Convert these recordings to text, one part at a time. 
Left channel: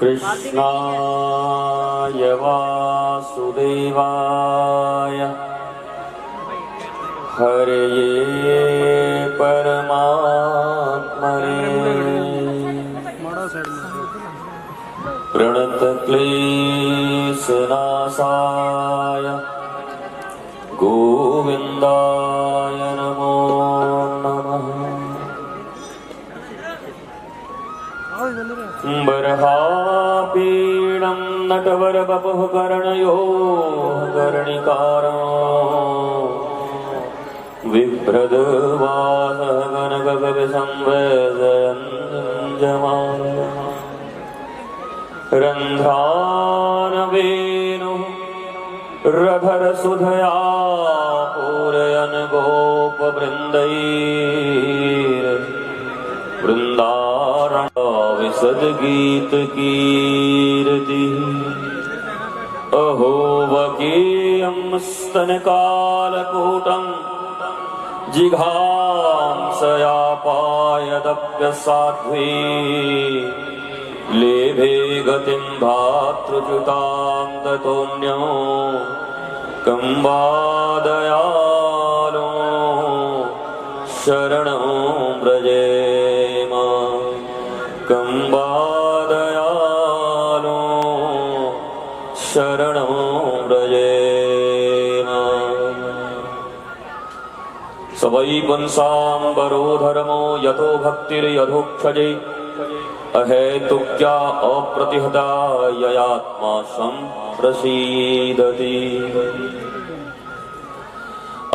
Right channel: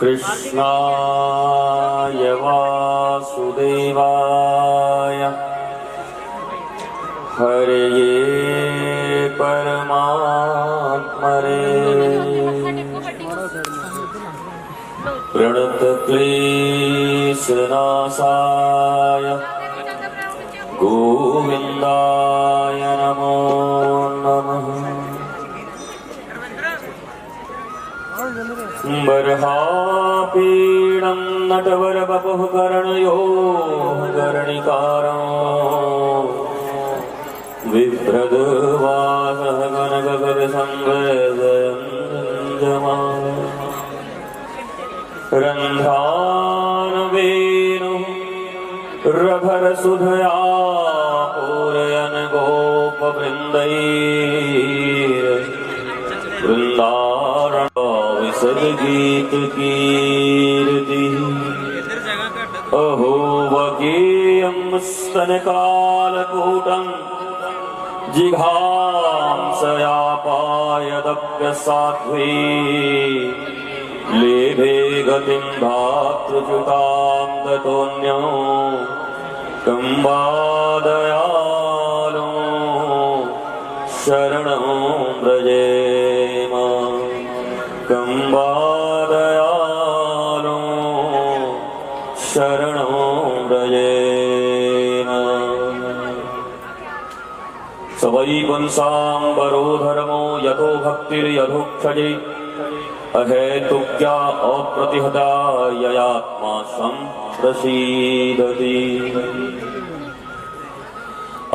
कृष्णाय वासुदेवाय हरये परमात्मने प्रणतक्लेशनाशाय गोविन्दाय नमो नमः। बर्हापीडं नटवरवपुः कर्णयो कर्णिकारो विभ्रदवासः गणगगनसंवेदयञ्जमानः रन्ध्रानवेणुः रभरसुधया पूरयन् गोपवृन्दैर्वृन्दारण विसर्गीत कीर्ति अहो वगेयं स्तनकालकूटं जिघांसयापायदप्यसाध्वी लेभे गतिं धातृच्युतां ततोऽन्यो कम्बादयालो शरणं व्रजेम कम्बादयालो शरणं व्रजेम। स वै पुंसाम्बरो धर्मो यथो भक्तिर्यथोक्षजे अहेतुक्या अप्रतिहता ययात्मा सम्प्रसीदति।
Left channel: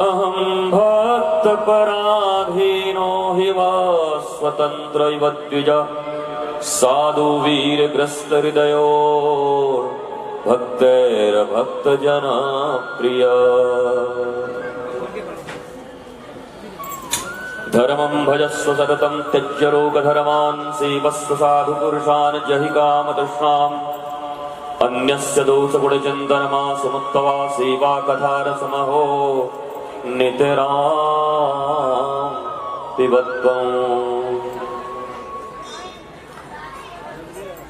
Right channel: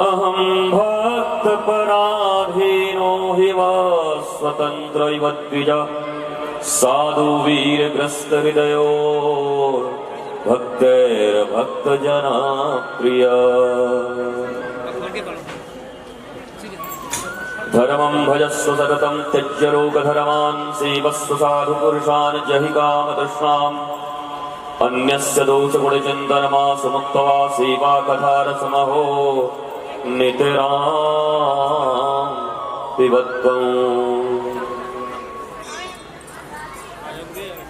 अहं भक्तपराधीनो हि वा स्वतन्त्र इव द्विज साधु वीरग्रस्तहृदयो भक्तैर्भक्तजनप्रिय। धर्मं भजस्व सततं त्यज्य रोगधर्मान् सेवस्व साधुपुरुषान् जहि कामतृष्णाम् अन्यस्य दोषगुणचिन्तनमासु मुक्त्वा सेवा कथारसमहो नितरां पिबत्वम्।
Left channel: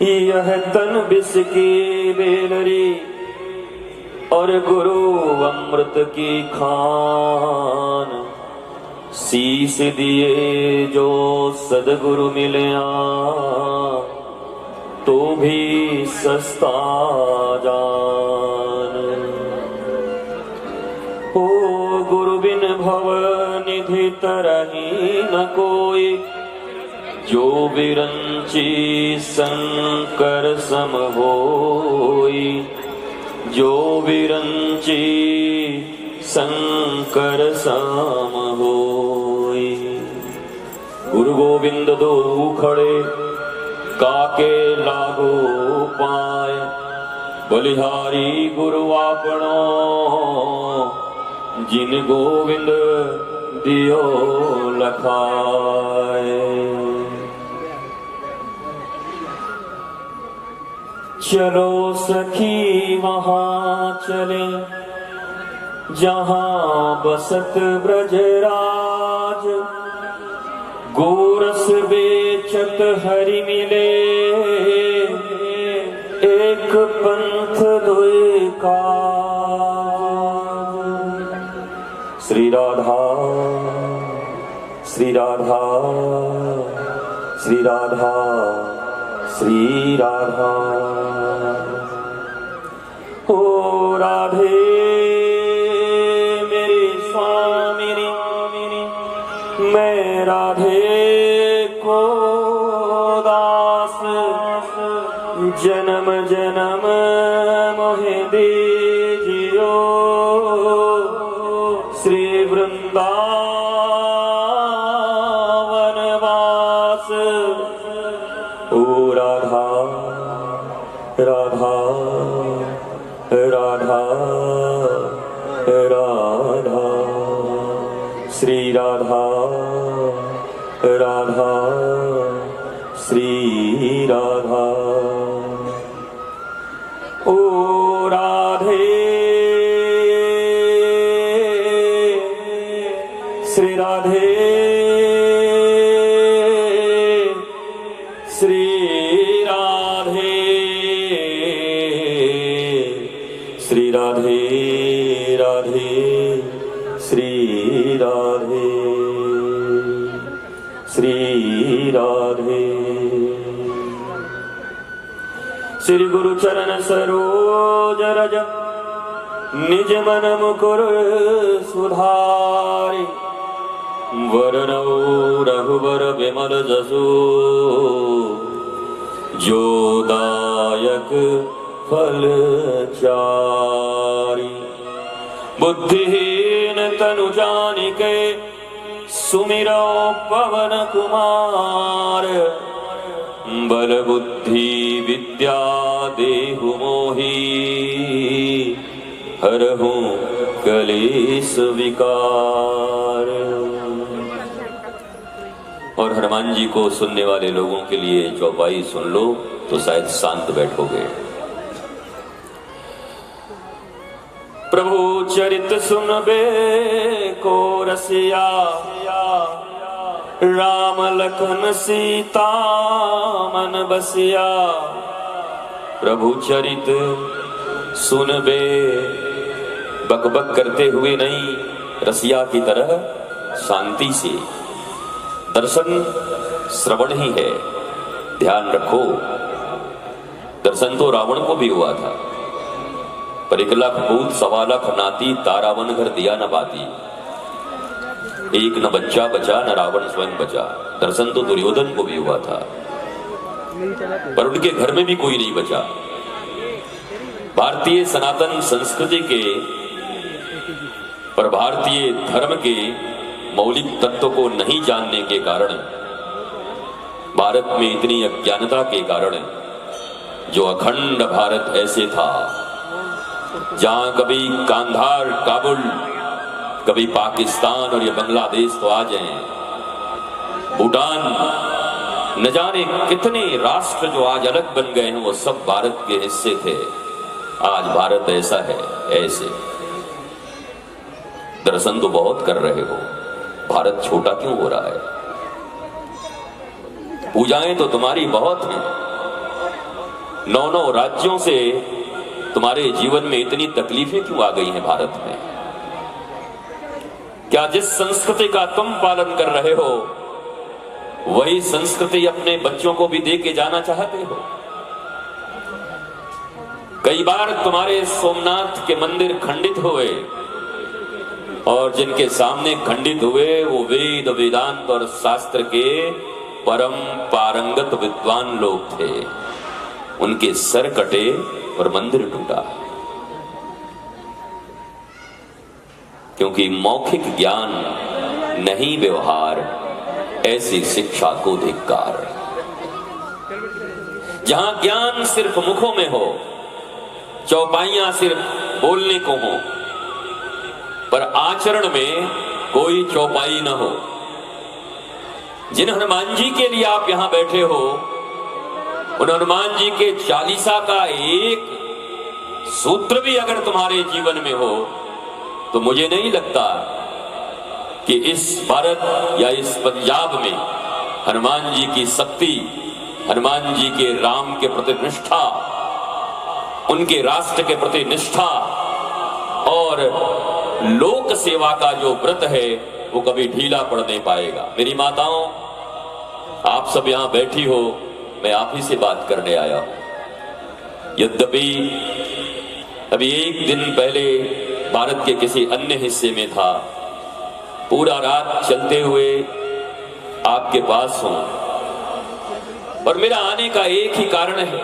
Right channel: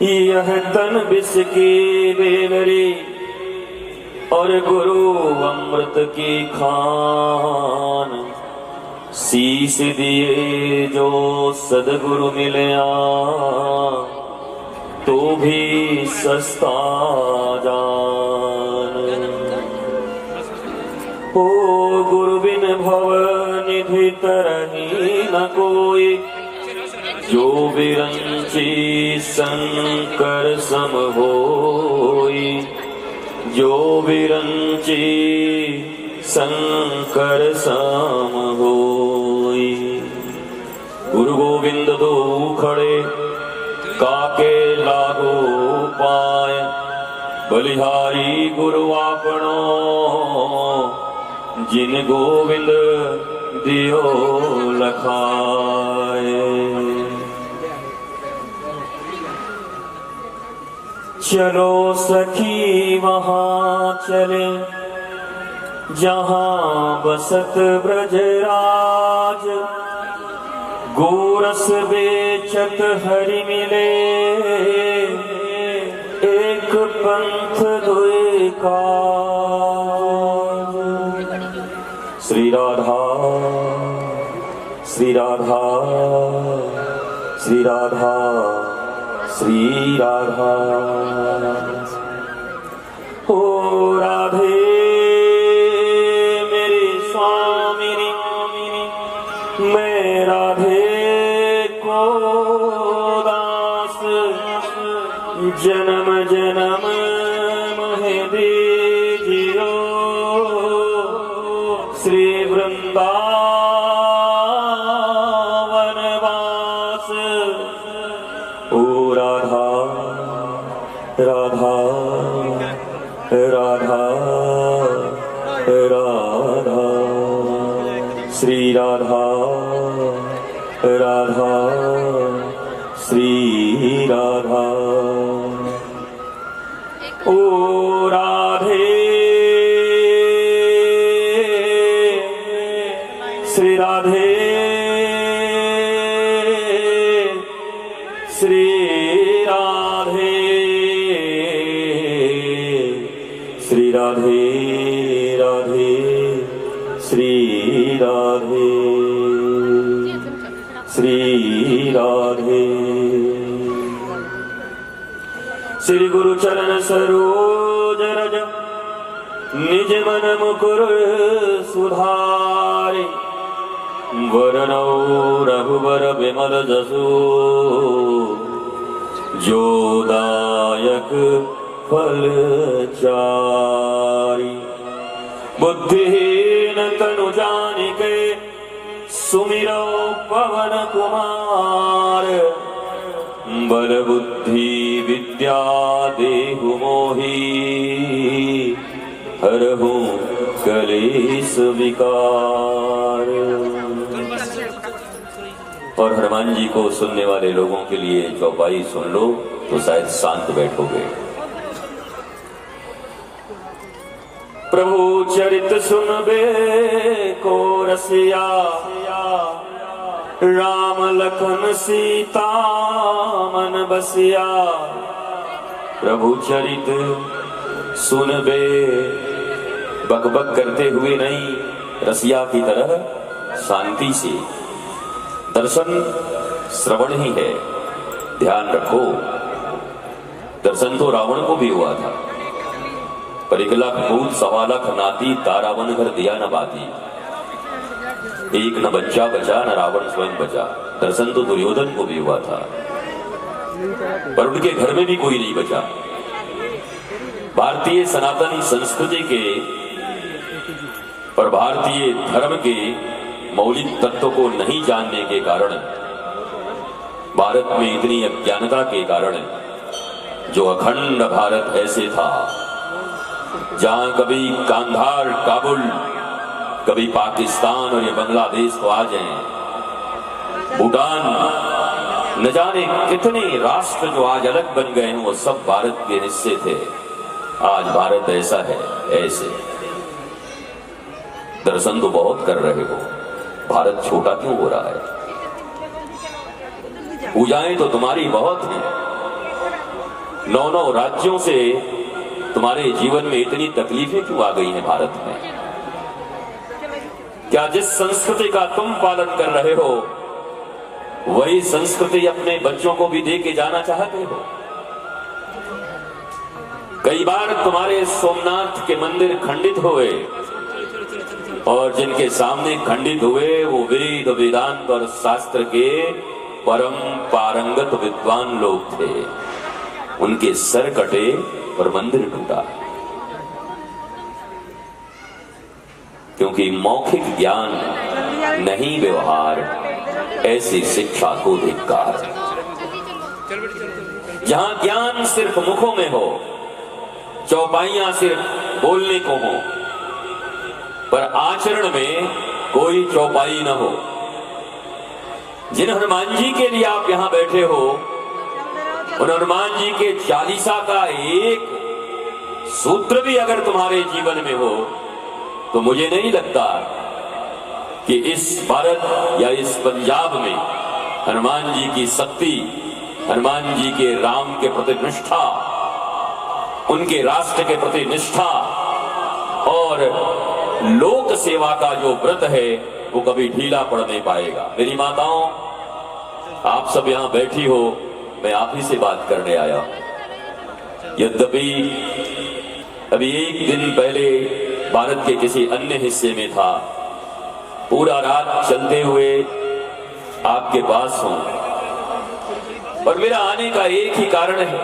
यह तन विष की बेलरी और गुरु अमृत की खान शीश दिए जो सदगुरु मिलया तो भी सस्ता जान। ओ गुरु बिन भव निधि तरही न कोई जो बिरंची शंकर सम होई जो बिरंची शंकर सम होई। गुरु गोविंद दो खड़े काके लागो पाय बलिहारी गुरु आपनो जिन गोविंद दियो लखाए। चलो सखी वहाँ चले जहाँ बसत ब्रजराज गोरस बेचत हरि मिले एक पंथ दुई काज। श्री राधा श्री राधा श्री राधा श्री राधा। ओ राधे मेरी स्वामिनी मैं राधे को दास जन्म जन्म मोहे दीजियो श्री वृंदावन वास। ओ राधा राधा राधा राधा श्री राधा राधा श्री राधा। ओ राधे श्री राधे राधे श्री राधे श्री राधे। श्री गुरु चरण सरोज रज निज मन मुकुर सुधारे। वरनौ रघुबर विमल जसु जो दायक फल चारि। बुद्धिहीन तनु जानिके सुमिरो पवन कुमार। बल बुद्धि विद्या देहु मोहि हरहु कलेश विकार। और हनुमान जी को सुनने वाले लोगों के लिए चौपाई सुन लो तो शायद शांत बैठोगे। प्रभु चरित सुनबे को रसिया। राम लखन सीता मन बसिया। प्रभु चरित सुनबे, बकबक करते हुए नहीं, रसिया की तरह शांति से। दर्शन श्रवण ही है, ध्यान रखो। दर्शन तो रावण को भी हुआ था, पर 1 लाख भूत 1.25 लाख नाती तारावन घर दिया न बाती। एक न बच्चा बचा न रावण स्वयं बचा। दर्शन तो दुर्योधन को भी हुआ था, पर उनके घर में भी कोई नहीं बचा। भारतीय सनातन संस्कृति के पर भारतीय धर्म के मौलिक तत्व को नहीं जानने के कारण, भारत में इतनी अज्ञानता के कारण, जो अखंड भारत ऐसे था जहां कभी कांधार काबुल, कभी पाकिस्तान और ये बांग्लादेश तो आ जाए, भूटान, न जाने कितने राष्ट्र जो आज अलग बन गए हैं वो सब भारत के हिस्से थे। आज भारत ऐसा है ऐसे। दर्शन तो बहुत कर रहे हो, भारत छोटा क्यों हो रहा है? पूजाएं तो तुम्हारी बहुत हैं। 9 राज्यों से तुम्हारे जीवन में इतनी तकलीफें क्यों आ गई हैं भारत में? क्या जिस संस्कृति का तुम पालन कर रहे हो वही संस्कृति अपने बच्चों को भी दे के जाना चाहते हो? कई बार तुम्हारे सोमनाथ के मंदिर खंडित हुए, और जिनके सामने खंडित हुए वो वेद वेदांत और शास्त्र के परम पारंगत विद्वान लोग थे। उनके सर कटे और मंदिर टूटा, क्योंकि मौखिक ज्ञान नहीं व्यवहार, ऐसी शिक्षा को धिक्कार। जहां ज्ञान सिर्फ मुखों में हो, चौपाइयां सिर्फ बोलने को हो, पर आचरण में कोई चौपाई न हो। जिन हनुमान जी के लिए आप यहां बैठे हो, उन हनुमान जी के 40 का एक सूत्र भी अगर तुम्हारे जीवन में हो तो मुझे नहीं लगता कि इस भारत या इस पंजाब में हनुमान जी की शक्ति, हनुमान जी के राम के प्रति निष्ठा, उनके राष्ट्र के प्रति निष्ठा और लोक सेवा का जो व्रत है वो कभी ढीला पड़ नहीं पाएगा। मेरी माताओं, आप सब यहां बैठी हो, मैं आप ही से बात करने आया हूं। यद्यपि अभी 1 दिन पहले भारत के किसी अन्य हिस्से में था, पूरा रात चलते हुए आपके पास हूं, और मेरा आने का एक ही कारण है।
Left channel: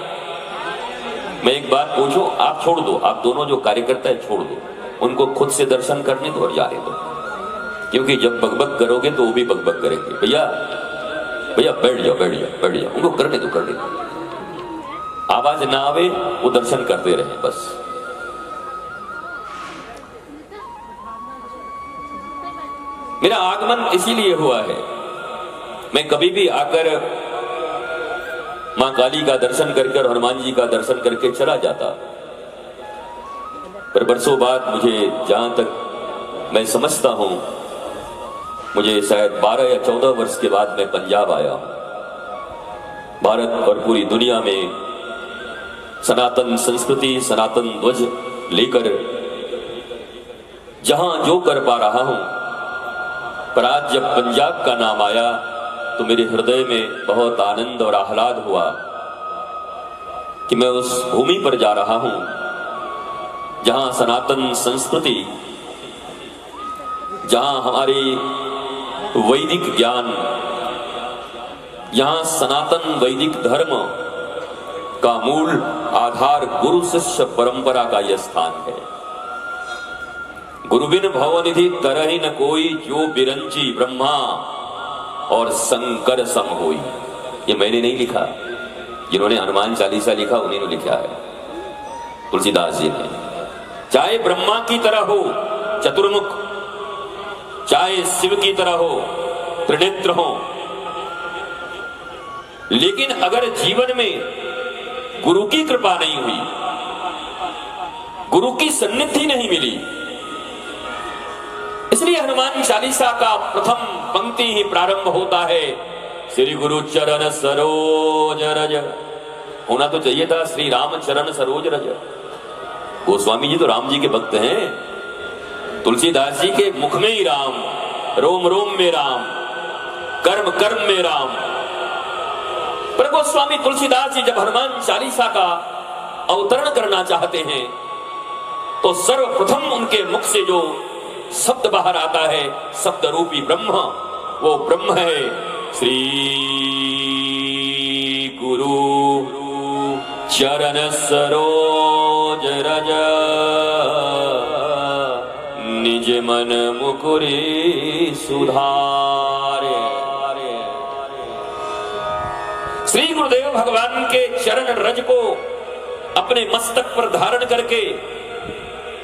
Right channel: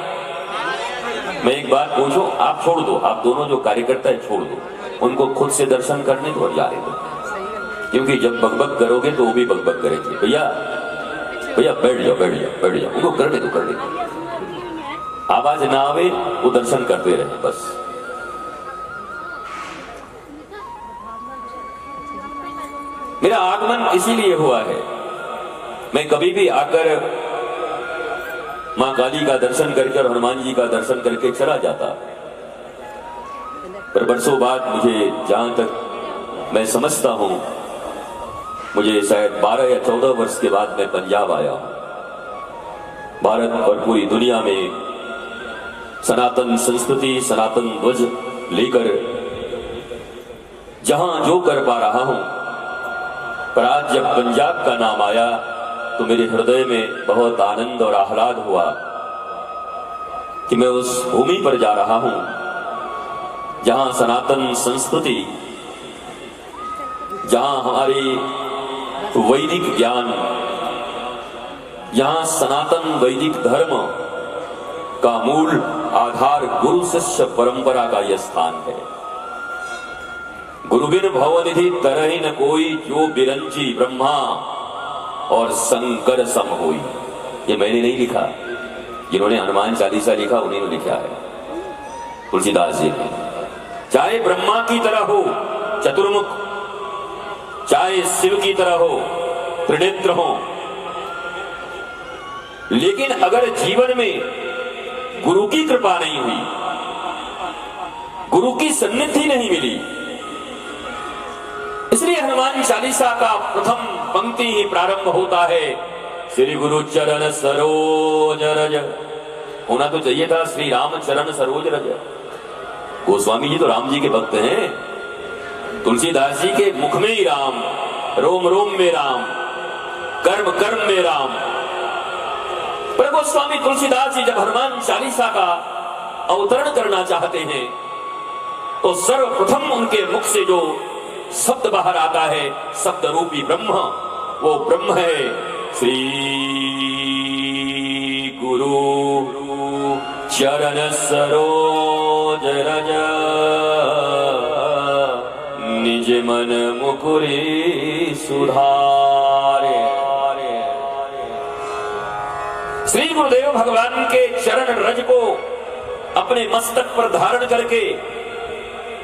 मैं एक बात पूछूं, आप छोड़ दो, आप दोनों जो कार्यकर्ता है छोड़ दो, उनको खुद से दर्शन करने दो और जाने दो, क्योंकि जब बकबक करोगे तो वो भी बकबक करेंगे। भैया भैया बैठ जाओ बैठ जाओ बैठ जाओ, उनको करने दो करने दो। आवाज ना आवे वो दर्शन करते रहे बस। मेरा आगमन इसीलिए हुआ है, मैं कभी भी आकर मां काली का दर्शन करके हनुमान जी का दर्शन करके चला जाता, पर बरसों बाद मुझे जहां तक मैं समझता हूं, मुझे शायद 12 या 14 वर्ष के बाद मैं पंजाब आया। भारत और पूरी दुनिया में सनातन संस्कृति, सनातन ध्वज लेकर जहां जो कर पा रहा हूं, पर आज जब पंजाब का नाम आया तो मेरे हृदय में बहुत आनंद और आह्लाद हुआ कि मैं उस भूमि पर जा रहा हूं जहां सनातन संस्कृति, जहां हमारी वैदिक ज्ञान, जहां सनातन वैदिक धर्म का मूल आधार गुरु शिष्य परंपरा का यह स्थान है। गुरु बिन भवनिधि तरहि न कोई, जो बिरंची ब्रह्मा और शंकर सम होई। ये मैंने नहीं लिखा, जिन्होंने हनुमान चालीसा लिखा उन्हीं ने लिखा है, तुलसीदास जी ने। चाहे ब्रह्मा की तरह हो चतुर्मुख, चाहे शिव की तरह हो त्रिनेत्र हो, लेकिन अगर जीवन में गुरु की कृपा नहीं हुई, गुरु की सन्निधि नहीं मिली, इसलिए हनुमान चालीसा का प्रथम पंक्ति ही प्रारंभ होता है श्री गुरु चरण सरोज रज। होना तो चाहिए था श्री राम चरण सरोज रज। गोस्वामी जी तो राम जी के भक्त हैं, तुलसीदास जी के मुख में ही राम, रोम रोम में राम, कर्म कर्म में राम। पर गोस्वामी तुलसीदास जी जब हनुमान चालीसा का अवतरण करना चाहते हैं तो सर्वप्रथम उनके मुख से जो शब्द बाहर आता है, शब्द रूपी ब्रह्म, वो ब्रह्म है श्री गुरु चरण सरोज रज, निज मन मुकुरि सुधारे। श्री गुरुदेव भगवान के चरण रज को अपने मस्तक पर धारण करके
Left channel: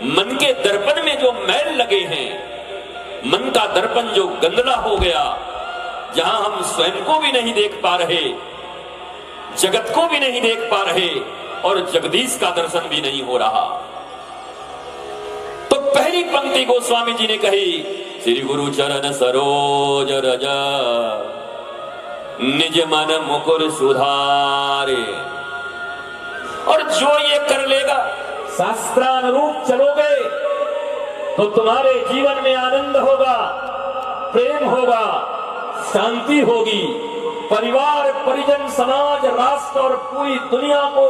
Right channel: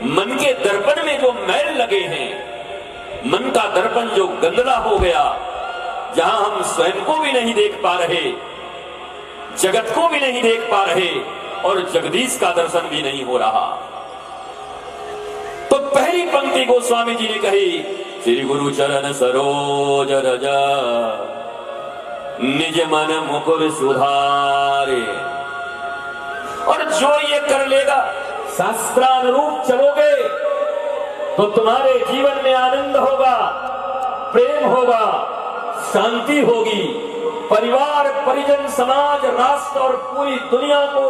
मन के दर्पण में जो मैल लगे हैं, मन का दर्पण जो गंदला हो गया, जहां हम स्वयं को भी नहीं देख पा रहे, जगत को भी नहीं देख पा रहे और जगदीश का दर्शन भी नहीं हो रहा, तो पहली पंक्ति गोस्वामी जी ने कही श्री गुरु चरण सरोज रज, निज मन मुकुर सुधारे। और जो ये कर लेगा, शास्त्रानुरूप चलोगे तो तुम्हारे जीवन में आनंद होगा, प्रेम होगा, शांति होगी, परिवार परिजन समाज राष्ट्र और पूरी दुनिया को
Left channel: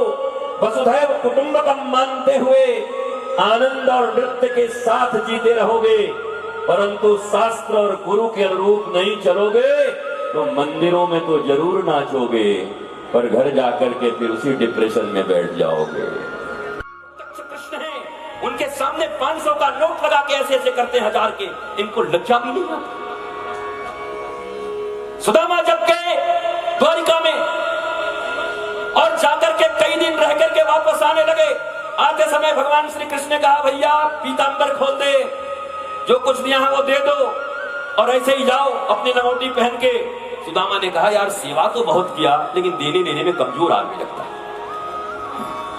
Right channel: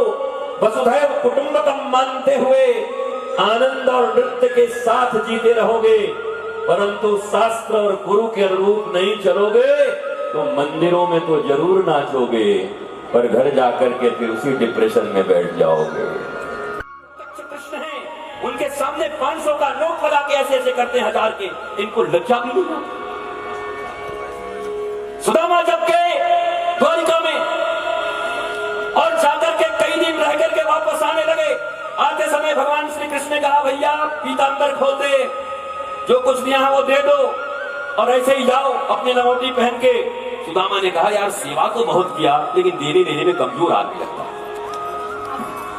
वसुधैव कुटुंबकम मानते हुए आनंद और नृत्य के साथ जीते रहोगे। परंतु शास्त्र और गुरु के अनुरूप नहीं चलोगे तो मंदिरों में तो जरूर नाचोगे, पर घर जाकर के फिर उसी डिप्रेशन में बैठ जाओगे। कृष्ण है, उनके सामने 500 का नोट लगा के ऐसे ऐसे करते 1000 के, इनको लज्जा भी नहीं। सुदामा जब गए द्वारिका में और जाकर के कई दिन रह करके वापस आने लगे, आते समय भगवान श्री कृष्ण ने कहा भैया पीतांबर खोल दे, जो कुछ दिया है वो दे दो और ऐसे ही जाओ अपनी लंगोटी पहन के। सुदामा ने कहा यार सेवा तो बहुत किया, लेकिन देने लेने में कमजोर आदमी लगता,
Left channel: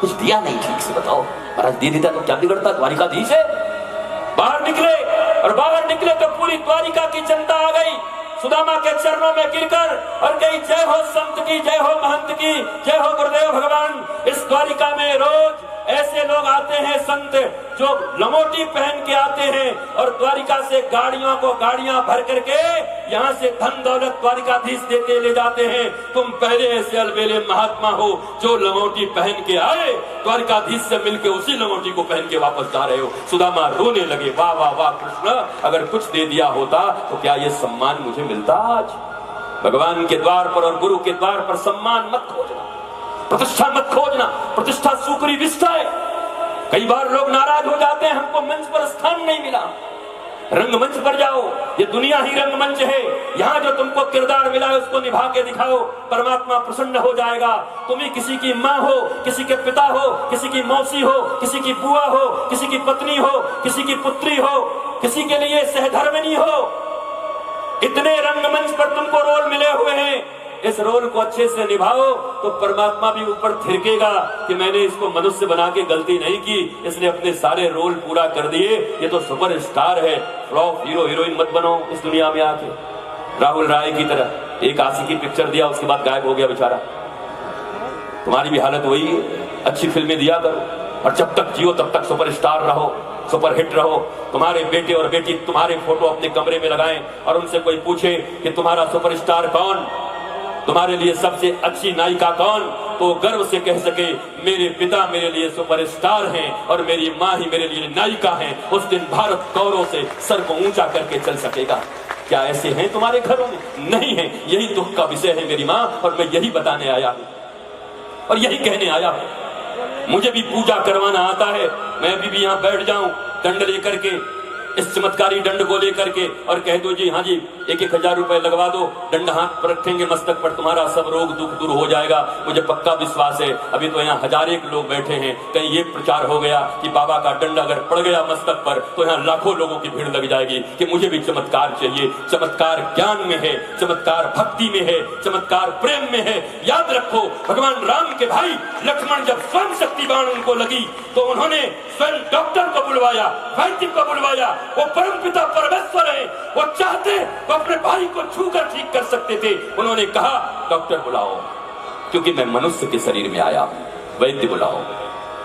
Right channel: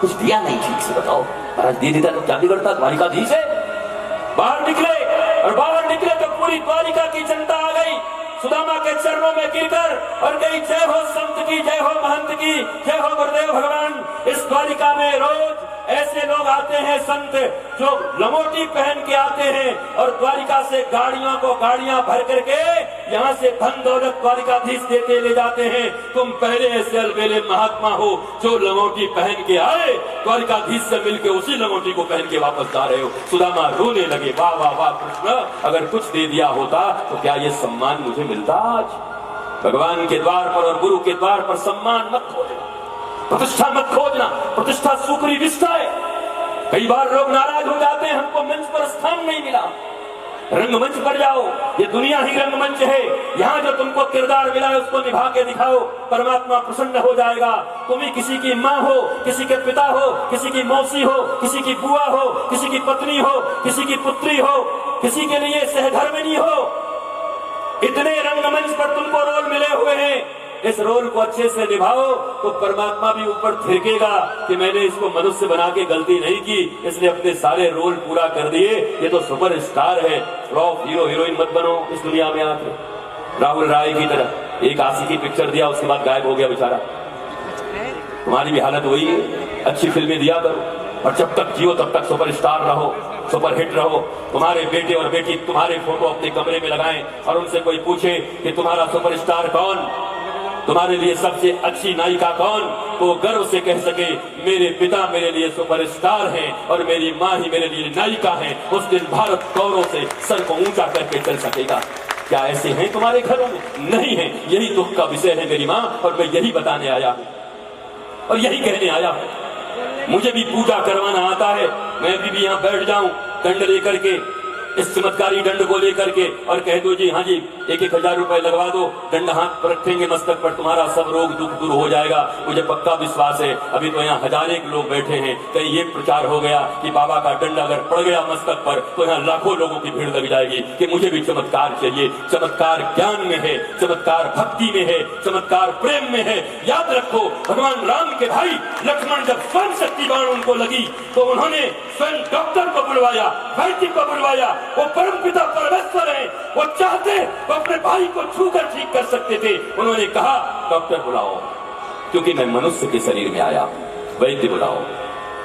कुछ दिया नहीं ठीक से, बताओ महाराज दे देता तो क्या बिगड़ता, द्वारिकाधीश है। बाहर निकले और बाहर निकले तो पूरी द्वारिका की जनता आ गई सुदामा के चरणों में गिरकर और कही जय हो संत की, जय हो महंत की, जय हो गुरुदेव भगवान। इस द्वारिका में रोज ऐसे लोग आते हैं संत जो लंगोटी पहन के आते हैं और द्वारिका से गाड़ियों को गाड़ियां भर करके यहाँ से धन दौलत द्वारिकाधीश देते ले जाते हैं। तुम पहले ऐसे अलबेले महात्मा हो जो लंगोटी पहन के आए, द्वारिकाधीश से मिलके उसी लंगोटी को पहन के वापस जा रहे हो। सुदामा रोने लगे, वाह वाह वाह कृष्ण, अगर कुछ दे दिया होता तो क्या ये सम्मान मुझे मिलता। आज भगवान के द्वार पर और गुरु के द्वार पर सम्मान मत खोजना, प्रतिष्ठा मत खोजना, प्रतिष्ठा सूकरी विष्ठा है। कई बार लोग नाराज हो जाते हैं, हमको मंच पर स्थान नहीं मिला। रंगमंच पर जाओ, ये दुनिया ही रंगमंच है, यहाँ जो तुमको किरदार मिला है उसको निभा के दिखाओ, परमात्मा प्रसन्न हो जाएगा। तुम ही किसी की माँ हो, किसी के पिता हो, किसी की मौसी हो, किसी की बुआ हो, किसी की पत्नी हो, किसी की पुत्री हो, किसी के लिए सहधर्मिणी हो, इतने रंगमंच पर तुमको रोल मिले हुए हैं। इस रोल को अच्छे से निभाओ तो परमात्मा भी ऊपर थिरकेगा कि मैंने इसको मनुष्य बना के गलती नहीं की, इसने अपने सारे रोल पूरा कर दिए, ये तो सुपर स्टार है। फ्लॉप हीरो हीरोइन मत बनो इस दुनिया में आके। राहुल राय की तरह एक आशिकी पिक्चर दिया, उसके बाद गायब हो गया बेचारा। तुम्हारी भी हालत वही है, अच्छी फिल्में दिया करो। और जब तक जियो तब तक सुपरस्टार रहो, सुपरहिट रहो। तुम्हारे बेटे और बेटी तुम्हारे फोटो अपने कमरे में लगाएं और उनसे कोई पूछे कि तुम्हारा सुपरस्टार कौन, तुम्हारे लिए सबसे अच्छी नायिका कौन, तो गर्व से कह सके मेरे पिता मेरे लिए सुपरस्टार हैं और मेरी माँ ही मेरे लिए नायिका हैं। उस दिन भारत गौरव से सर को ऊंचा करके चल सकेगा। क्या ऐसे हैं तुम्हारे घरों में? नहीं है। यही दुख का विषय है मेरी माँ, और मैं यही बताने आया हूँ और यही कहने आया हूँ। मुझे भी पूजा करवाना आता है, मैं भी यहाँ बैठ जाऊं दंड लेकर के, इस चमत्कारी दंड को लेकर के, और कह दो जी हाँ जी 1,000 रुपए लगवा दो, दंड हाथ पर रखेंगे मस्तक पर, तुम्हारा सब रोग दुख दूर हो जाएगा। मुझे पक्का विश्वास है। अभी तो यहाँ 1000 लोग बैठे हैं, कहीं ये प्रचार हो गया कि बाबा का दंड अगर पड़ गया मस्तक पर तो यहाँ लाखों लोगों की भीड़ लग जाएगी कि मुझे भी चमत्कार चाहिए। चमत्कार ज्ञान में है, चमत्कार भक्ति में है, चमत्कार प्रेम में है। याद रखो, भगवान राम के भाई लक्ष्मण जब स्वयं शक्ति बाण उनको लगी तो उन्होंने स्वयं डॉक्टर को बुलवाया, वैद्य को बुलवाया। वो परम पिता परमेश्वर है, वो चाहते वो अपने भाई को छूकर ठीक कर सकते थे। उन्होंने कहा डॉक्टर बुलाओ, क्योंकि मैं मनुष्य के शरीर में आया हूं, वैद्य बुलाओ।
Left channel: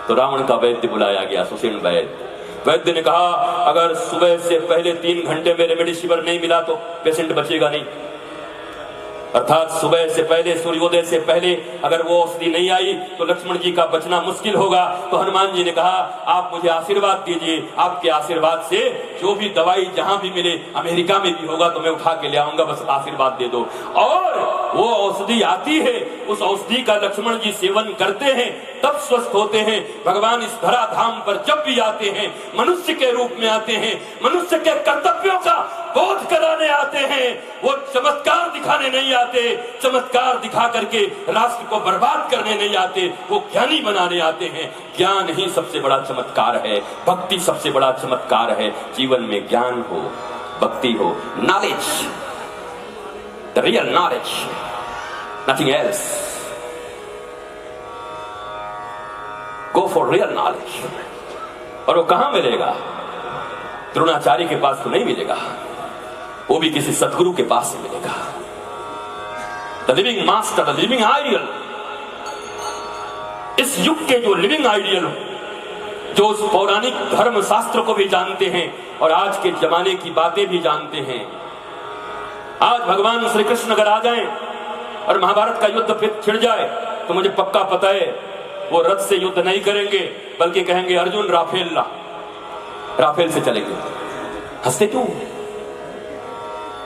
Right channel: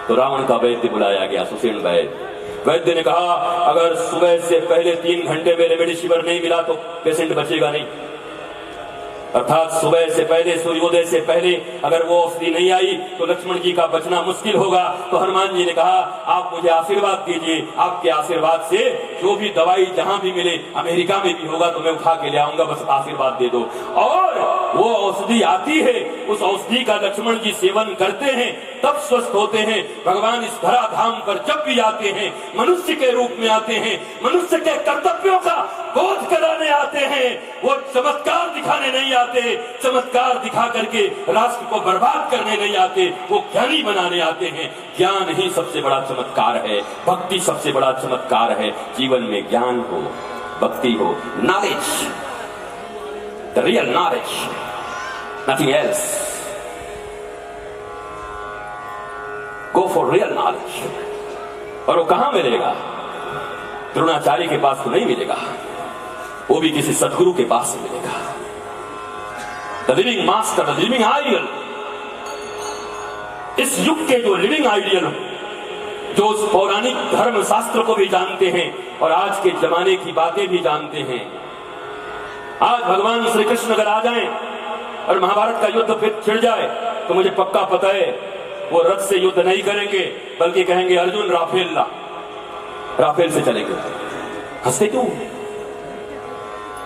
तो रावण का वैद्य बुलाया गया, सुषेण वैद्य। वैद्य ने कहा अगर सुबह से पहले 3 घंटे में रेमडेसिविर नहीं मिला तो पेशेंट बचेगा नहीं, अर्थात सुबह से पहले, सूर्योदय से पहले अगर वो औषधि नहीं आई तो लक्ष्मण जी का बचना मुश्किल होगा। तो हनुमान जी ने कहा आप मुझे आशीर्वाद दीजिए, आपके आशीर्वाद से जो भी दवाई जहां भी मिले, अमेरिका में भी होगा तो मैं उठा के ले आऊंगा, बस आशीर्वाद दे दो। और वो औषधि आती है, उस औषधि का लक्ष्मण जी सेवन करते हैं, तब स्वस्थ होते हैं। भगवान इस धरा धाम पर जब भी आते हैं, मनुष्य के रूप में आते हैं, मनुष्य के कर्तव्यों का बोध कराने आते हैं। वो चमत्कार दिखाने नहीं आते, चमत्कार दिखा करके राष्ट्र को बर्बाद करने नहीं आते, वो ज्ञानी बनाने आते हैं। ज्ञान ही सबसे बड़ा चमत्कार है, भक्ति सबसे बड़ा चमत्कार है। जीवन में ज्ञान हो, भक्ति हो, knowledge, the real knowledge, nothing else. Go for real knowledge. और वो कहां मिलेगा? द्रोणाचार्य के पास तो नहीं मिलेगा, वो भी किसी सदगुरु के पास मिलेगा। The living master, the living ideal. इस युग के जो लिविंग आइडियल, जो उस पौराणिक धर्म शास्त्र को भी जानते हैं और आज के जमाने की बातें भी जानते हैं। आज भगवान श्री कृष्ण अगर आ जाएं और महाभारत का युद्ध फिर छिड़ जाए तो मुझे पक्का पता है वो रथ से युद्ध नहीं करेंगे, बल्कि कहेंगे अर्जुन राफेल ला, राफेल से चलेंगे। हंसते क्यों?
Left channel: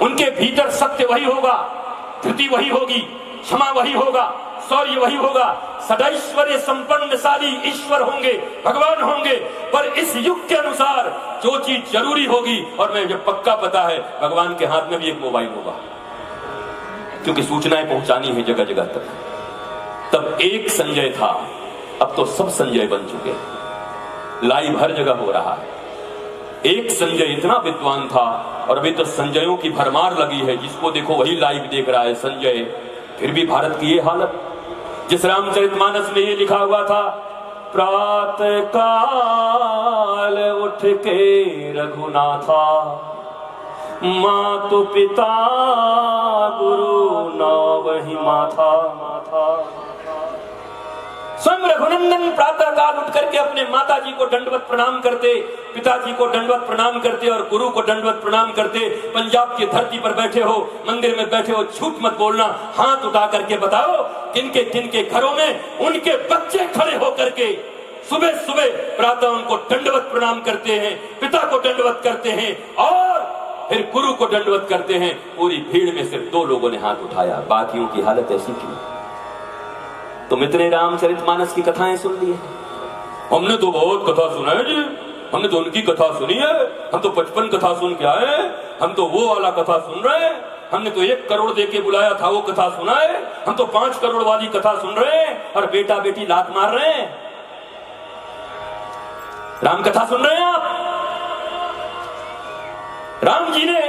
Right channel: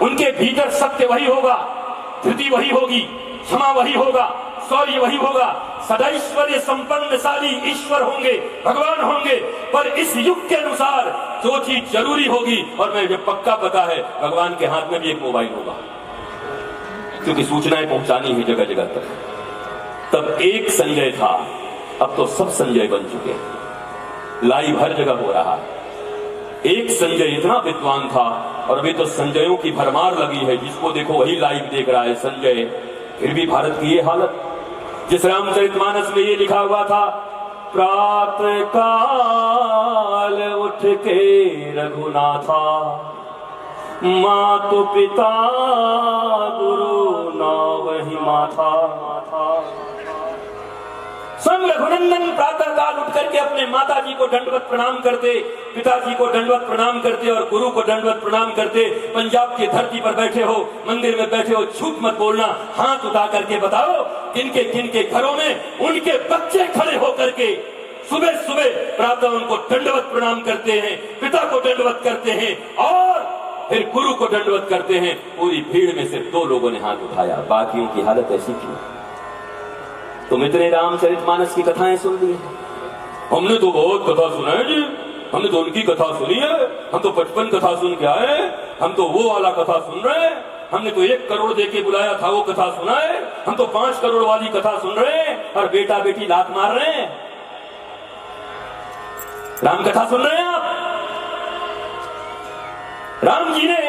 उनके भीतर सत्य वही होगा, धृति वही होगी, क्षमा वही होगा, शौर्य वही होगा। सदैश्वर्य संपन्नशाली ईश्वर होंगे, भगवान होंगे, पर इस युग के अनुसार जो चीज जरूरी होगी, और मुझे पक्का पता है भगवान के हाथ में भी एक मोबाइल होगा, क्योंकि सूचनाएं पहुंचानी है जगह जगह तक। तब एक संजय था, अब तो सब संजय बन चुके, लाइव हर जगह हो रहा है। एक संजय इतना विद्वान था और अभी तो संजयों की भरमार लगी है, जिसको देखो वही लाइव देख रहा है संजय। फिर भी भारत की ये हालत। जिस रामचरितमानस में ये लिखा हुआ था, प्रातः काल उठ के रघुनाथा, मातु पिता गुरु नावहि माथा। स्वयं रघुनंदन प्रातः काल उठ करके अपने माता जी को दंडवत प्रणाम करते, पिताजी को दंडवत प्रणाम करते और गुरु को दंडवत प्रणाम करते। पंजाब की धरती पर बैठे हो, मंदिर में बैठे हो, झूठ मत बोलना, हाथ उठा करके बताओ किनके किनके घरों में उनके बच्चे खड़े होकर के सुबह सुबह प्रातः उनको दंडवत प्रणाम करते हैं, पिता को दंडवत करते हैं और फिर गुरु को दंडवत करते हैं। पूरी भीड़ में सिर्फ 2 लोगों ने हाथ उठाया, बाकियों की हालत ऐसी क्यों? तुम इतने रामचरितमानस की कथाएं सुन ली है, हमने तो बहुत कथा सुना है जी, हमने तो उनकी कथा सुनी है, हम तो 55 कथा सुन के आए, हम तो वो वाला कथा सुन रहे हैं, हमने तो 1 करोड़ दे के बुलाया था वो कथा सुना है, हम तो 5 करोड़ वाली कथा सुन रहे हैं और बेटा बेटी लात मार रहे हैं। राम कथा सुन रहे हैं आप? राम जी ने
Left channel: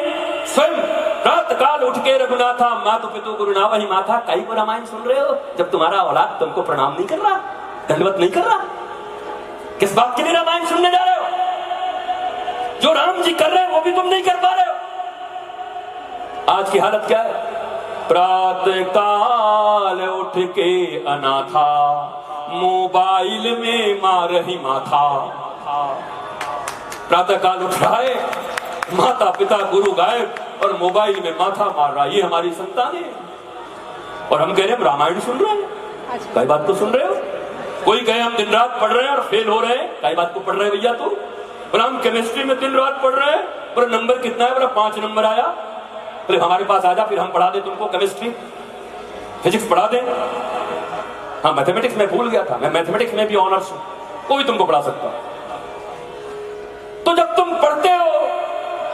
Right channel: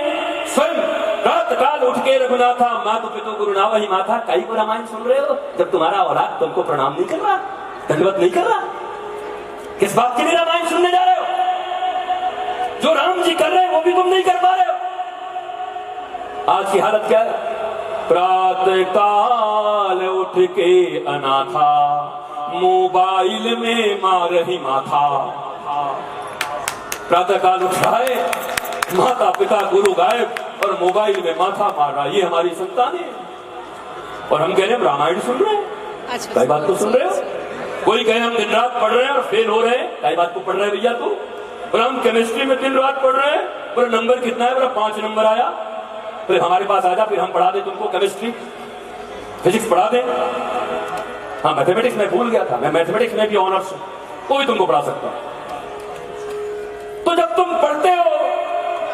स्वयं रात काल उठ के रघुनाथा, मातु पितु गुरु नावहि माथा। कई को रामायण सुन रहे हो जब तुम्हारा औलाद तुमको प्रणाम नहीं कर रहा, दंडवत नहीं कर रहा? किस बात के लिए रामायण सुनने जा रहे हो? जो राम जी कर रहे हैं वो भी तुम नहीं कर पा रहे हो। आज की हालत क्या है? प्रातः काल उठ के अनाथा, मोबाइल में मार रही माथा। प्रातः काल उठ रहा है, माता पिता गुरु गायब और मोबाइल में माथा मार रहा। ये हमारी संतान है। और हम कह रहे हैं रामायण सुन रहे हैं। कई बात तो सुन रहे हो। कोई कहे हम दिन रात पढ़ रहे हैं और फेल हो रहे हैं। कई बात को पढ़ रहे हैं भैया तू। पर हम केमिस्ट्री में दिन रात पढ़ रहे हैं, पर नंबर कितना है? बोला 5 नंबर आया। फिर हमारे पास आ जा, फिर हम पढ़ा दे तुमको केमिस्ट्री फिजिक्स पढ़ा दे। हाँ, मैथमेटिक्स में भूल गया था, मैं मैथमेटिक्स में भी ऑनर्स हूं, कोई तुमको पढ़ा सकता। तो जब तुम पढ़ते हो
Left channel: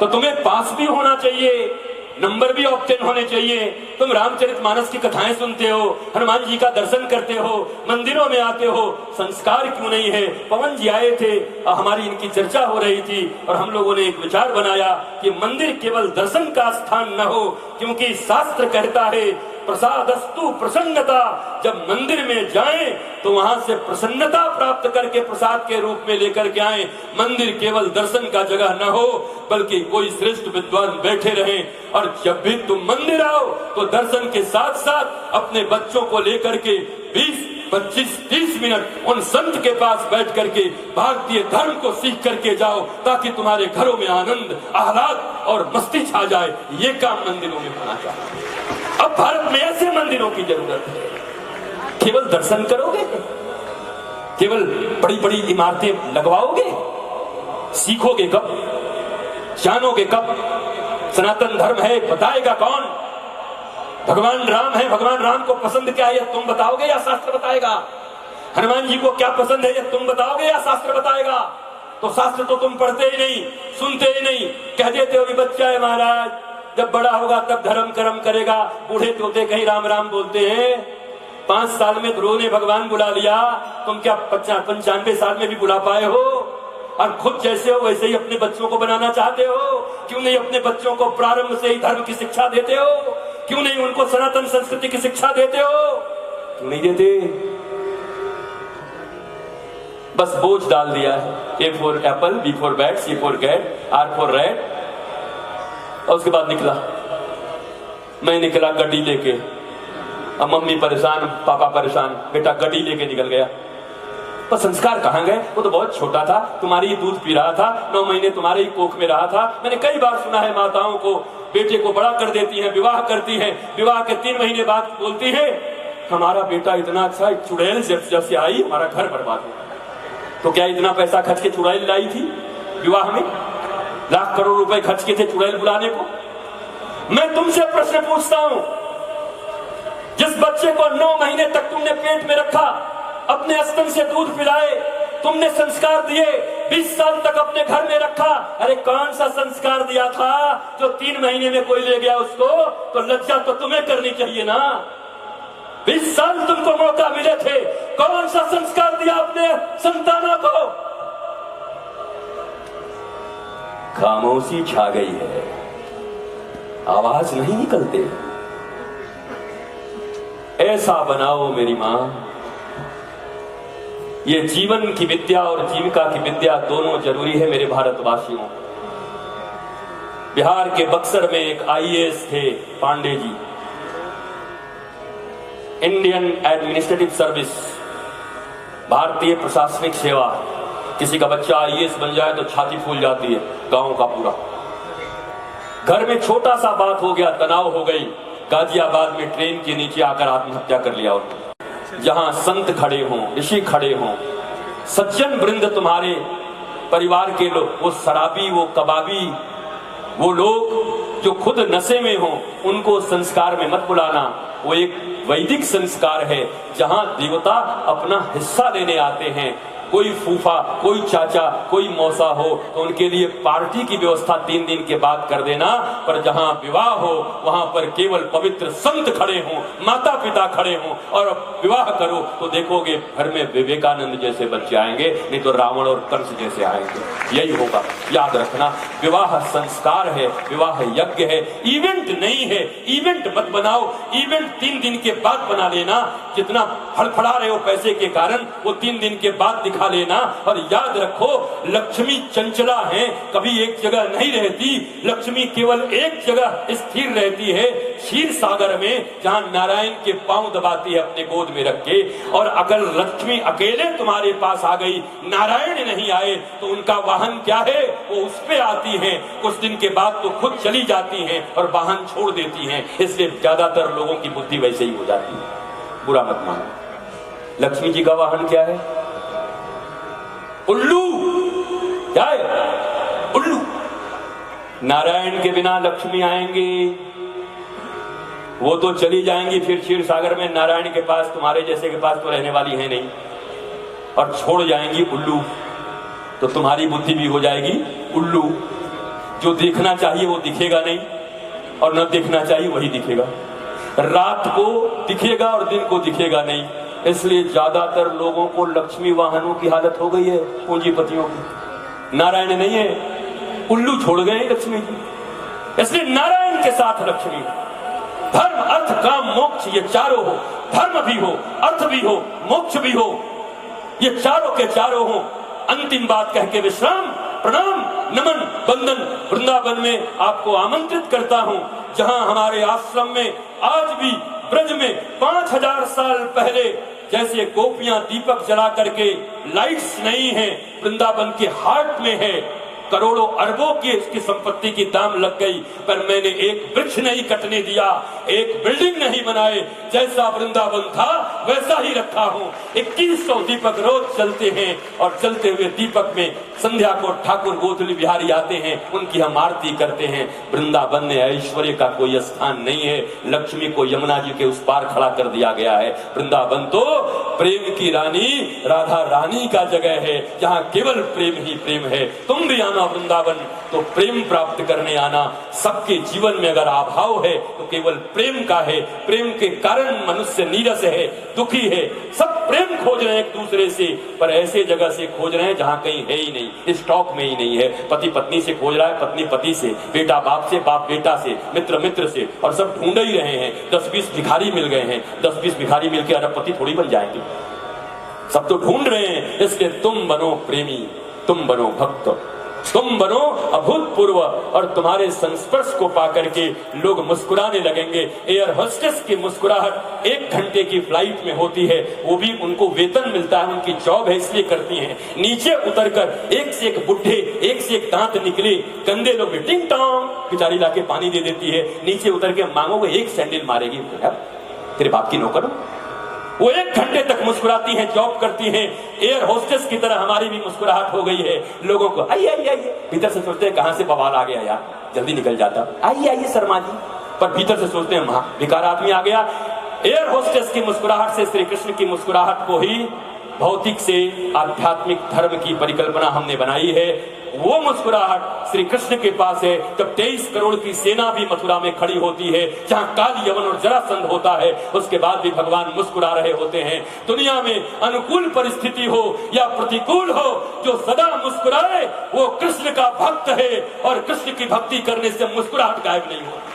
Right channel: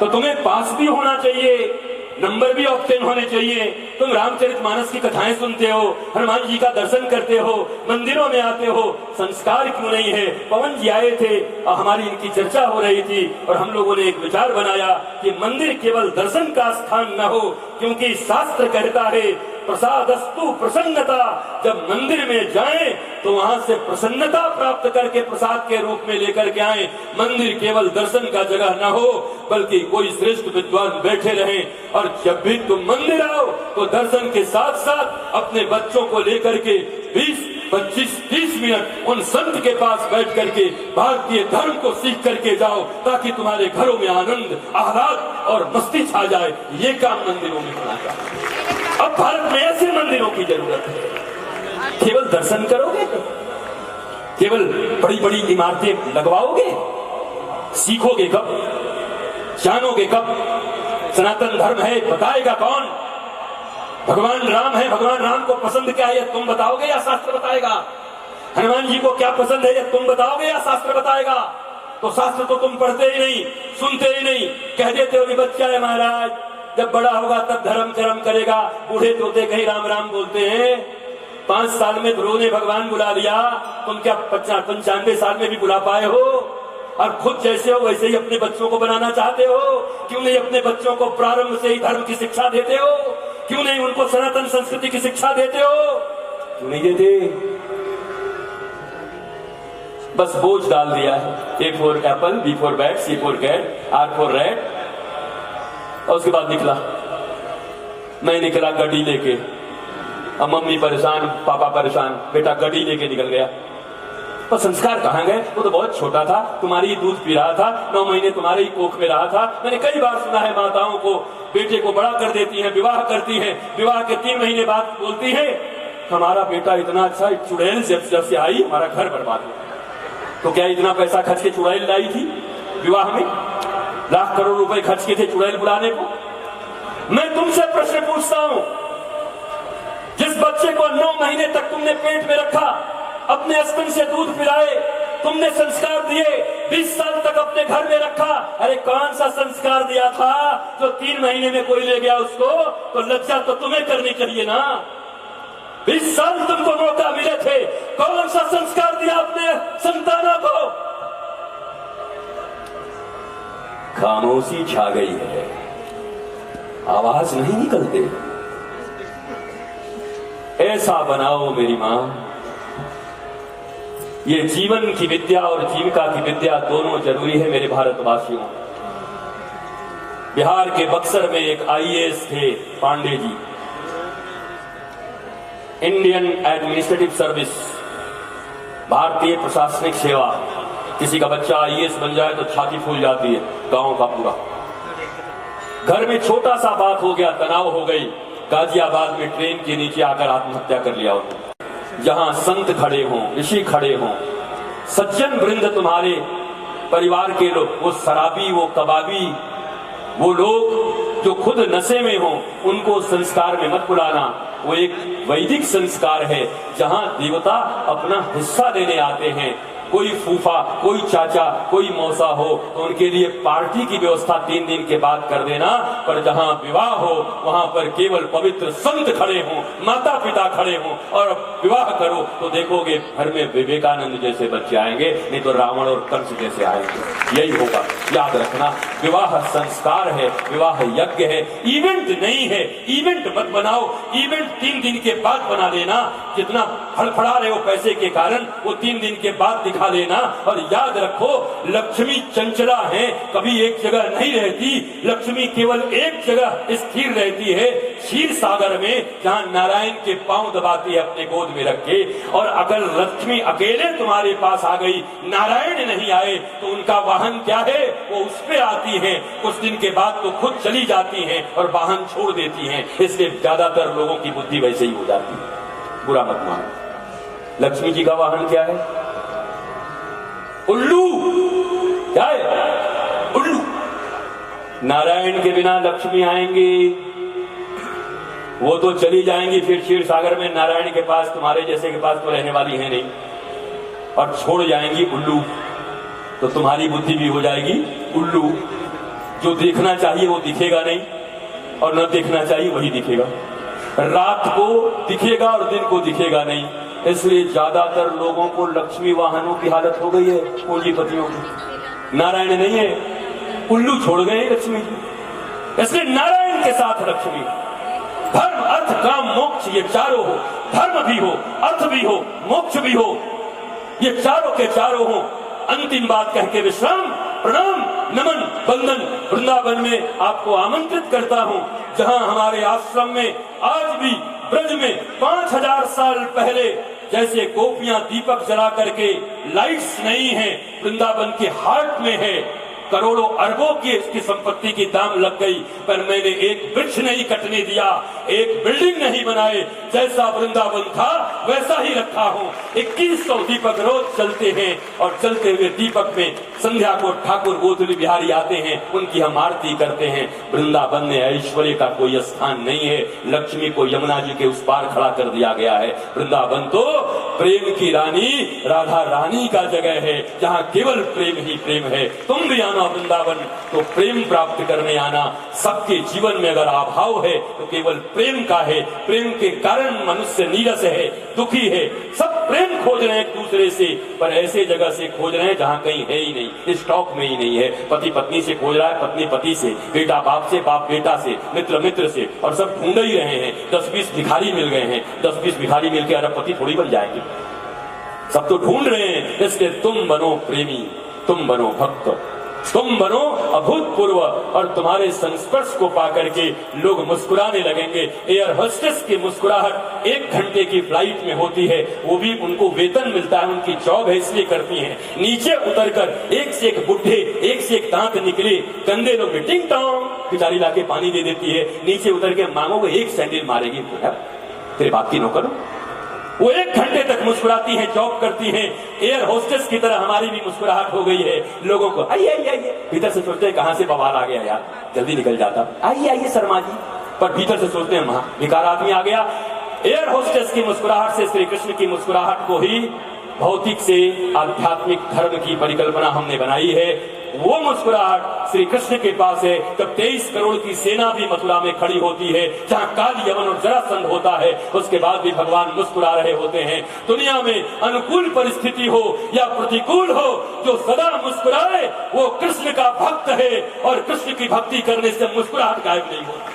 तो तुम्हें पास भी होना चाहिए, नंबर भी ऑब्टेन होने चाहिए। तुम रामचरितमानस की कथाएं सुनते हो, हनुमान जी का दर्शन करते हो, मंदिरों में आते हो, संस्कार क्यों नहीं है? पवन जी आए थे, हमारी इनकी चर्चा हो रही थी और हम लोगों ने एक विचार बनाया कि मंदिर केवल दर्शन का स्थान न हो, क्योंकि शास्त्र कहता है प्रसादस्तु प्रसन्नता। जब मंदिर में जाएं तो वहां से प्रसन्नता प्राप्त करके प्रसाद के रूप में लेकर के आए। मंदिर केवल दर्शन का जगह न हो, बल्कि कोई श्रेष्ठ विद्वान बैठे रहे। और जब भी तुम मंदिर आओ तो दर्शन के साथ साथ अपने बच्चों को लेकर के 20, 25, 30 मिनट उन संत के पास बैठ करके भारतीय धर्म को सीख करके जाओ, ताकि तुम्हारे घरों में आनंद, आह्लाद और मस्ती छा जाए। ये काम मंदिरों में होना चाहिए। अब भारत में ऐसे मंदिरों की जरूरत है। केवल दर्शन करोगे, केवल बड़ी बड़ी इमारतें लगवाओगे, सीखोगे कब? जानोगे कब? सनातन धर्म है बताएगा कौन? भगवान राम है, भगवान राम को पसंद क्या है तुम बताओगे या शास्त्र बताएगा? हनुमान जी को क्या पसंद है तुम बताओगे या शास्त्र बताएगा? तो शास्त्र तो तुम पढ़ते ही नहीं, सुनते ही नहीं, कह देते हो कि बच्चा है महाराज, जब बड़ा होगा तब धर्म कर्म करेगा। बूढ़े तोते कहीं राम राम बोलते हैं। 5 साल में ध्रुव ने भगवान बुला लिया, तुम क्या 95 साल में भी बुला पाए हो? और खुद जैसे हो वैसे ही अपने बच्चों को बनाना चाहते हो। क्यों नहीं अपने बच्चों को प्रारंभ से ही धर्म की शिक्षा देते हो? क्यों नहीं उनको सनातन संस्कृति की शिक्षा देते हो? क्यों नहीं देते? बस बोझ डाल दिया है। A for apple, B for bat, C for cat, R for rat। और उसके बाद निकला, मैं निकला गड्डी लेके। अब मम्मी परेशान, पापा परेशान, बेटा गड्डी लेके निकल गया। पर संस्कार कहाँ गए? वो तो बहुत छोटा था, तुम्हारी ही दूध पी रहा था, 9 महीने तुम्हारे ही कोख में रहा था। मैंने कई बार सुना है माताओं को बेटे को बड़ा कर देती है, विवाह करती है, विवाह के 3 महीने बाद बोलती है हमारा बेटा इतना अच्छा, चुड़ैल जब से आई हमारा घर बर्बाद हो। तो क्या इतना पैसा खर्च के चुड़ैल लाई थी विवाह में? लाख करोड़ रुपए खर्च किए थे चुड़ैल बुलाने को। मैं तुमसे प्रश्न पूछता हूं, जिस बच्चे को 9 महीने तक तुमने पेट में रखा, अपने स्तन से दूध पिलाए, तुमने संस्कार दिए, 20 साल तक अपने घर में रखा, अरे कौन सा संस्कार दिया था जो 3 महीने में कोई ले गया उसको? तो लज्जा तो तुम्हें करनी चाहिए ना। 20 साल तुमको मौका मिले थे, कौन सा संस्कार दिया अपने संतानों को? खामोशी छा गई है, आवाज नहीं निकलते। ऐसा बनाओ मेरी मां। ये जीवन की विद्या और जीविका की विद्या दोनों जरूरी है मेरे भारतवासियों। बिहार के बक्सर में एक IAS थे Pandey ji, Indian administrative service, भारतीय प्रशासनिक सेवा। किसी का बच्चा IAS बन जाए तो छाती फूल जाती है गांव का पूरा। घर में छोटा सा बात हो गया, तनाव हो गई, गाजियाबाद में ट्रेन के नीचे आकर आत्महत्या कर लिया उन्होंने। जहां संत खड़े हों, ऋषि खड़े हों, सज्जन वृंद तुम्हारे परिवार के लोग, वो शराबी, वो कबाबी, वो लोग जो खुद नशे में हों, उनको संस्कार में मत बुलाना। वो एक वैदिक संस्कार है जहां देवता अपना हिस्सा देने आते हैं। कोई फूफा, कोई चाचा, कोई मौसा हो तो उनके लिए पार्टी की व्यवस्था 3 दिन के बाद कर देना। पर जहां विवाह हो वहां पर केवल पवित्र संत खड़े हों, माता पिता खड़े हों और विवाह करो तो देखोगे घर में विवेकानंद जैसे बच्चे आएंगे, नहीं तो रावण और कंस जैसे आएंगे। यही होगा, याद रखना। विवाह संस्कार है, विवाह यज्ञ है, इवेंट नहीं है। इवेंट मत बनाओ, इवेंट 3 दिन के बाद बना लेना। जितना फड़फड़ा रहे हो पैसे के कारण, वो 3 दिन के बाद दिखा उठा लेना। और याद रखो, लक्ष्मी चंचला है, कभी एक जगह नहीं रहती। लक्ष्मी केवल एक जगह स्थिर रहती है, क्षीर सागर में, जहाँ नारायण के पांव दबाती है अपने गोद में रख के। और अगर लक्ष्मी अकेले तुम्हारे पास आ गई, नारायण नहीं आए, तो उनका वाहन क्या है? वो उस पे आती है, कुछ दिन के बाद तो खुद चली जाती हैं और वाहन छोड़ देती हैं। इसलिए ज्यादातर लोगों की बुद्धि वैसे ही हो जाती है। बुरा मत मानो। लक्ष्मी जी का वाहन क्या है? उल्लू। क्या है? उल्लू। नारायण के बिना लक्ष्मी आएंगी, वो तो चली जाएंगी फिर क्षीर सागर में। नारायण के पास, तुम्हारे जैसे के पास तो रहने वाली है नहीं, और छोड़ जाएंगी उल्लू। तो तुम्हारी बुद्धि भी हो जाएगी उल्लू। जो देखना चाहिए वो दिखेगा नहीं, और न देखना चाहिए वही दिखेगा। रात को दिखेगा और दिन को दिखेगा नहीं। इसलिए ज्यादातर लोगों को लक्ष्मी वाहनों की हालत हो गई है, पूंजीपतियों की। नारायण नहीं है, उल्लू छोड़ गए लक्ष्मी जी। इसलिए नारायण के साथ लक्ष्मी। धर्म अर्थ काम मोक्ष, ये चारों हो। धर्म भी हो, अर्थ भी हो, मोक्ष भी हो, ये चारों के चारों हो। अंतिम बात कह के विश्राम, प्रणाम, नमन, वंदन। वृंदावन में आपको आमंत्रित करता हूं, जहां हमारे आश्रम में आज भी ब्रज में 5000 साल पहले जैसे गोपियां दीपक जला करके, लाइट्स नहीं है, वृंदावन के हार्ट में है। करोड़ों अरबों की इसकी संपत्ति की दाम लग गई, पर मैंने एक वृक्ष नहीं कटने दिया, एक बिल्डिंग नहीं बनाए। जैसा वृंदावन था वैसा ही रखा हूँ। 2100 दीपक रोज चलते हैं, और चलते हुए दीपक में संध्या को ठाकुर गोधुली बिहारी आते हैं, उनकी हम आरती करते हैं। वृंदावन में ऐश्वर्य का कोई स्थान नहीं है। लक्ष्मी को यमुना जी के उस पार खड़ा कर दिया गया है। वृंदावन तो प्रेम की रानी, राधा रानी का जगह है, जहाँ केवल प्रेम ही प्रेम है। तुम भी आना वृंदावन तो प्रेम प्राप्त करने आना। सबके जीवन में अगर अभाव है तो केवल प्रेम का है। प्रेम के कारण मनुष्य नीरस है, दुखी है। सब प्रेम खोज रहे हैं एक दूसरे से, पर ऐसे जगह से खोज रहे हैं जहाँ कहीं है ही नहीं, स्टॉक में ही नहीं है। पति पत्नी से खोज रहा है, पत्नी पति से, बेटा बाप से, बाप बेटा से, मित्र मित्र से, और सब ढूंढ ही रहे हैं। 10-20 भिखारी मिल गए हैं, 10-20 भिखारी मिलकर अरबपति थोड़ी बन जाएंगे। सब तो ढूंढ रहे हैं। इसलिए तुम बनो प्रेमी, तुम बनो भक्त, तुम बनो अभूतपूर्व, और तुम्हारे संस्पर्श को पाकर के लोग मुस्कुराने लगेंगे। एयर होस्टेस की मुस्कुराहट 1 घंटे की फ्लाइट में होती है, वो भी उनको वेतन मिलता है, उनकी जॉब है इसलिए करती हैं। नीचे उतरकर एक से एक बुढ़े, एक से एक दांत निकले गंदे लोग में टिंग टोंग पिटारी लाके पानी दे देती है। नीचे उतर के मांगोगे, एक सैंडल मारेगी, तेरे बाप की नौकर। वो 1 घंटे तक मुस्कुराती हैं, जॉब करती हैं। एयर होस्टेस की तरह हमारी भी मुस्कुराहट हो गई है। लोगों को आइए आइए आइए, भीतर से सोचते हैं कहां से बवाल आ गया यार, जल्दी निकल जाता, आइए आइए शर्मा जी, पर भीतर से सोचते हैं वहां बेकार आदमी आ गया। एयर होस्टेस की मुस्कुराहट से श्री कृष्ण की मुस्कुराहट को ही भौतिक से आध्यात्मिक धर्म की परिकल्पना हमने बनाई है। वो मुस्कुराहट श्री कृष्ण के पास है जब 23 करोड़ की सेना भी मथुरा में खड़ी होती है, जहाँ काल यवन और जरासंध होता है, उसके बाद भी भगवान मुस्कुरा रहे होते हैं। दुनिया में अनुकूल परिस्थिति हो या प्रतिकूल हो, जो सदा मुस्कुराए वो कृष्ण का भक्त है, और कृष्ण की भक्ति करने से मुस्कुराहट गायब नहीं होती।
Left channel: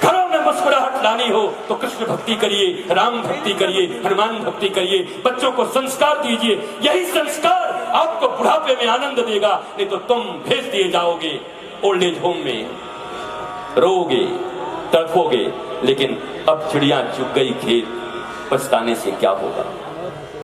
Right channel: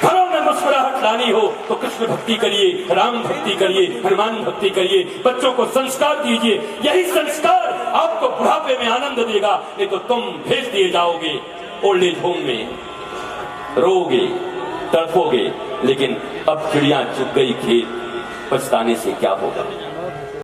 घरों में मुस्कुराहट लानी हो तो कृष्ण भक्ति करिए, राम भक्ति करिए, हनुमान भक्ति करिए, बच्चों को संस्कार दीजिए। यही संस्कार आपको बुढ़ापे में आनंद देगा। नहीं तो तुम भेज दिए जाओगे ओल्ड एज होम में, रोगे, तड़पोगे। लेकिन अब चिड़िया चुग गई खेत, पछताने से क्या होगा।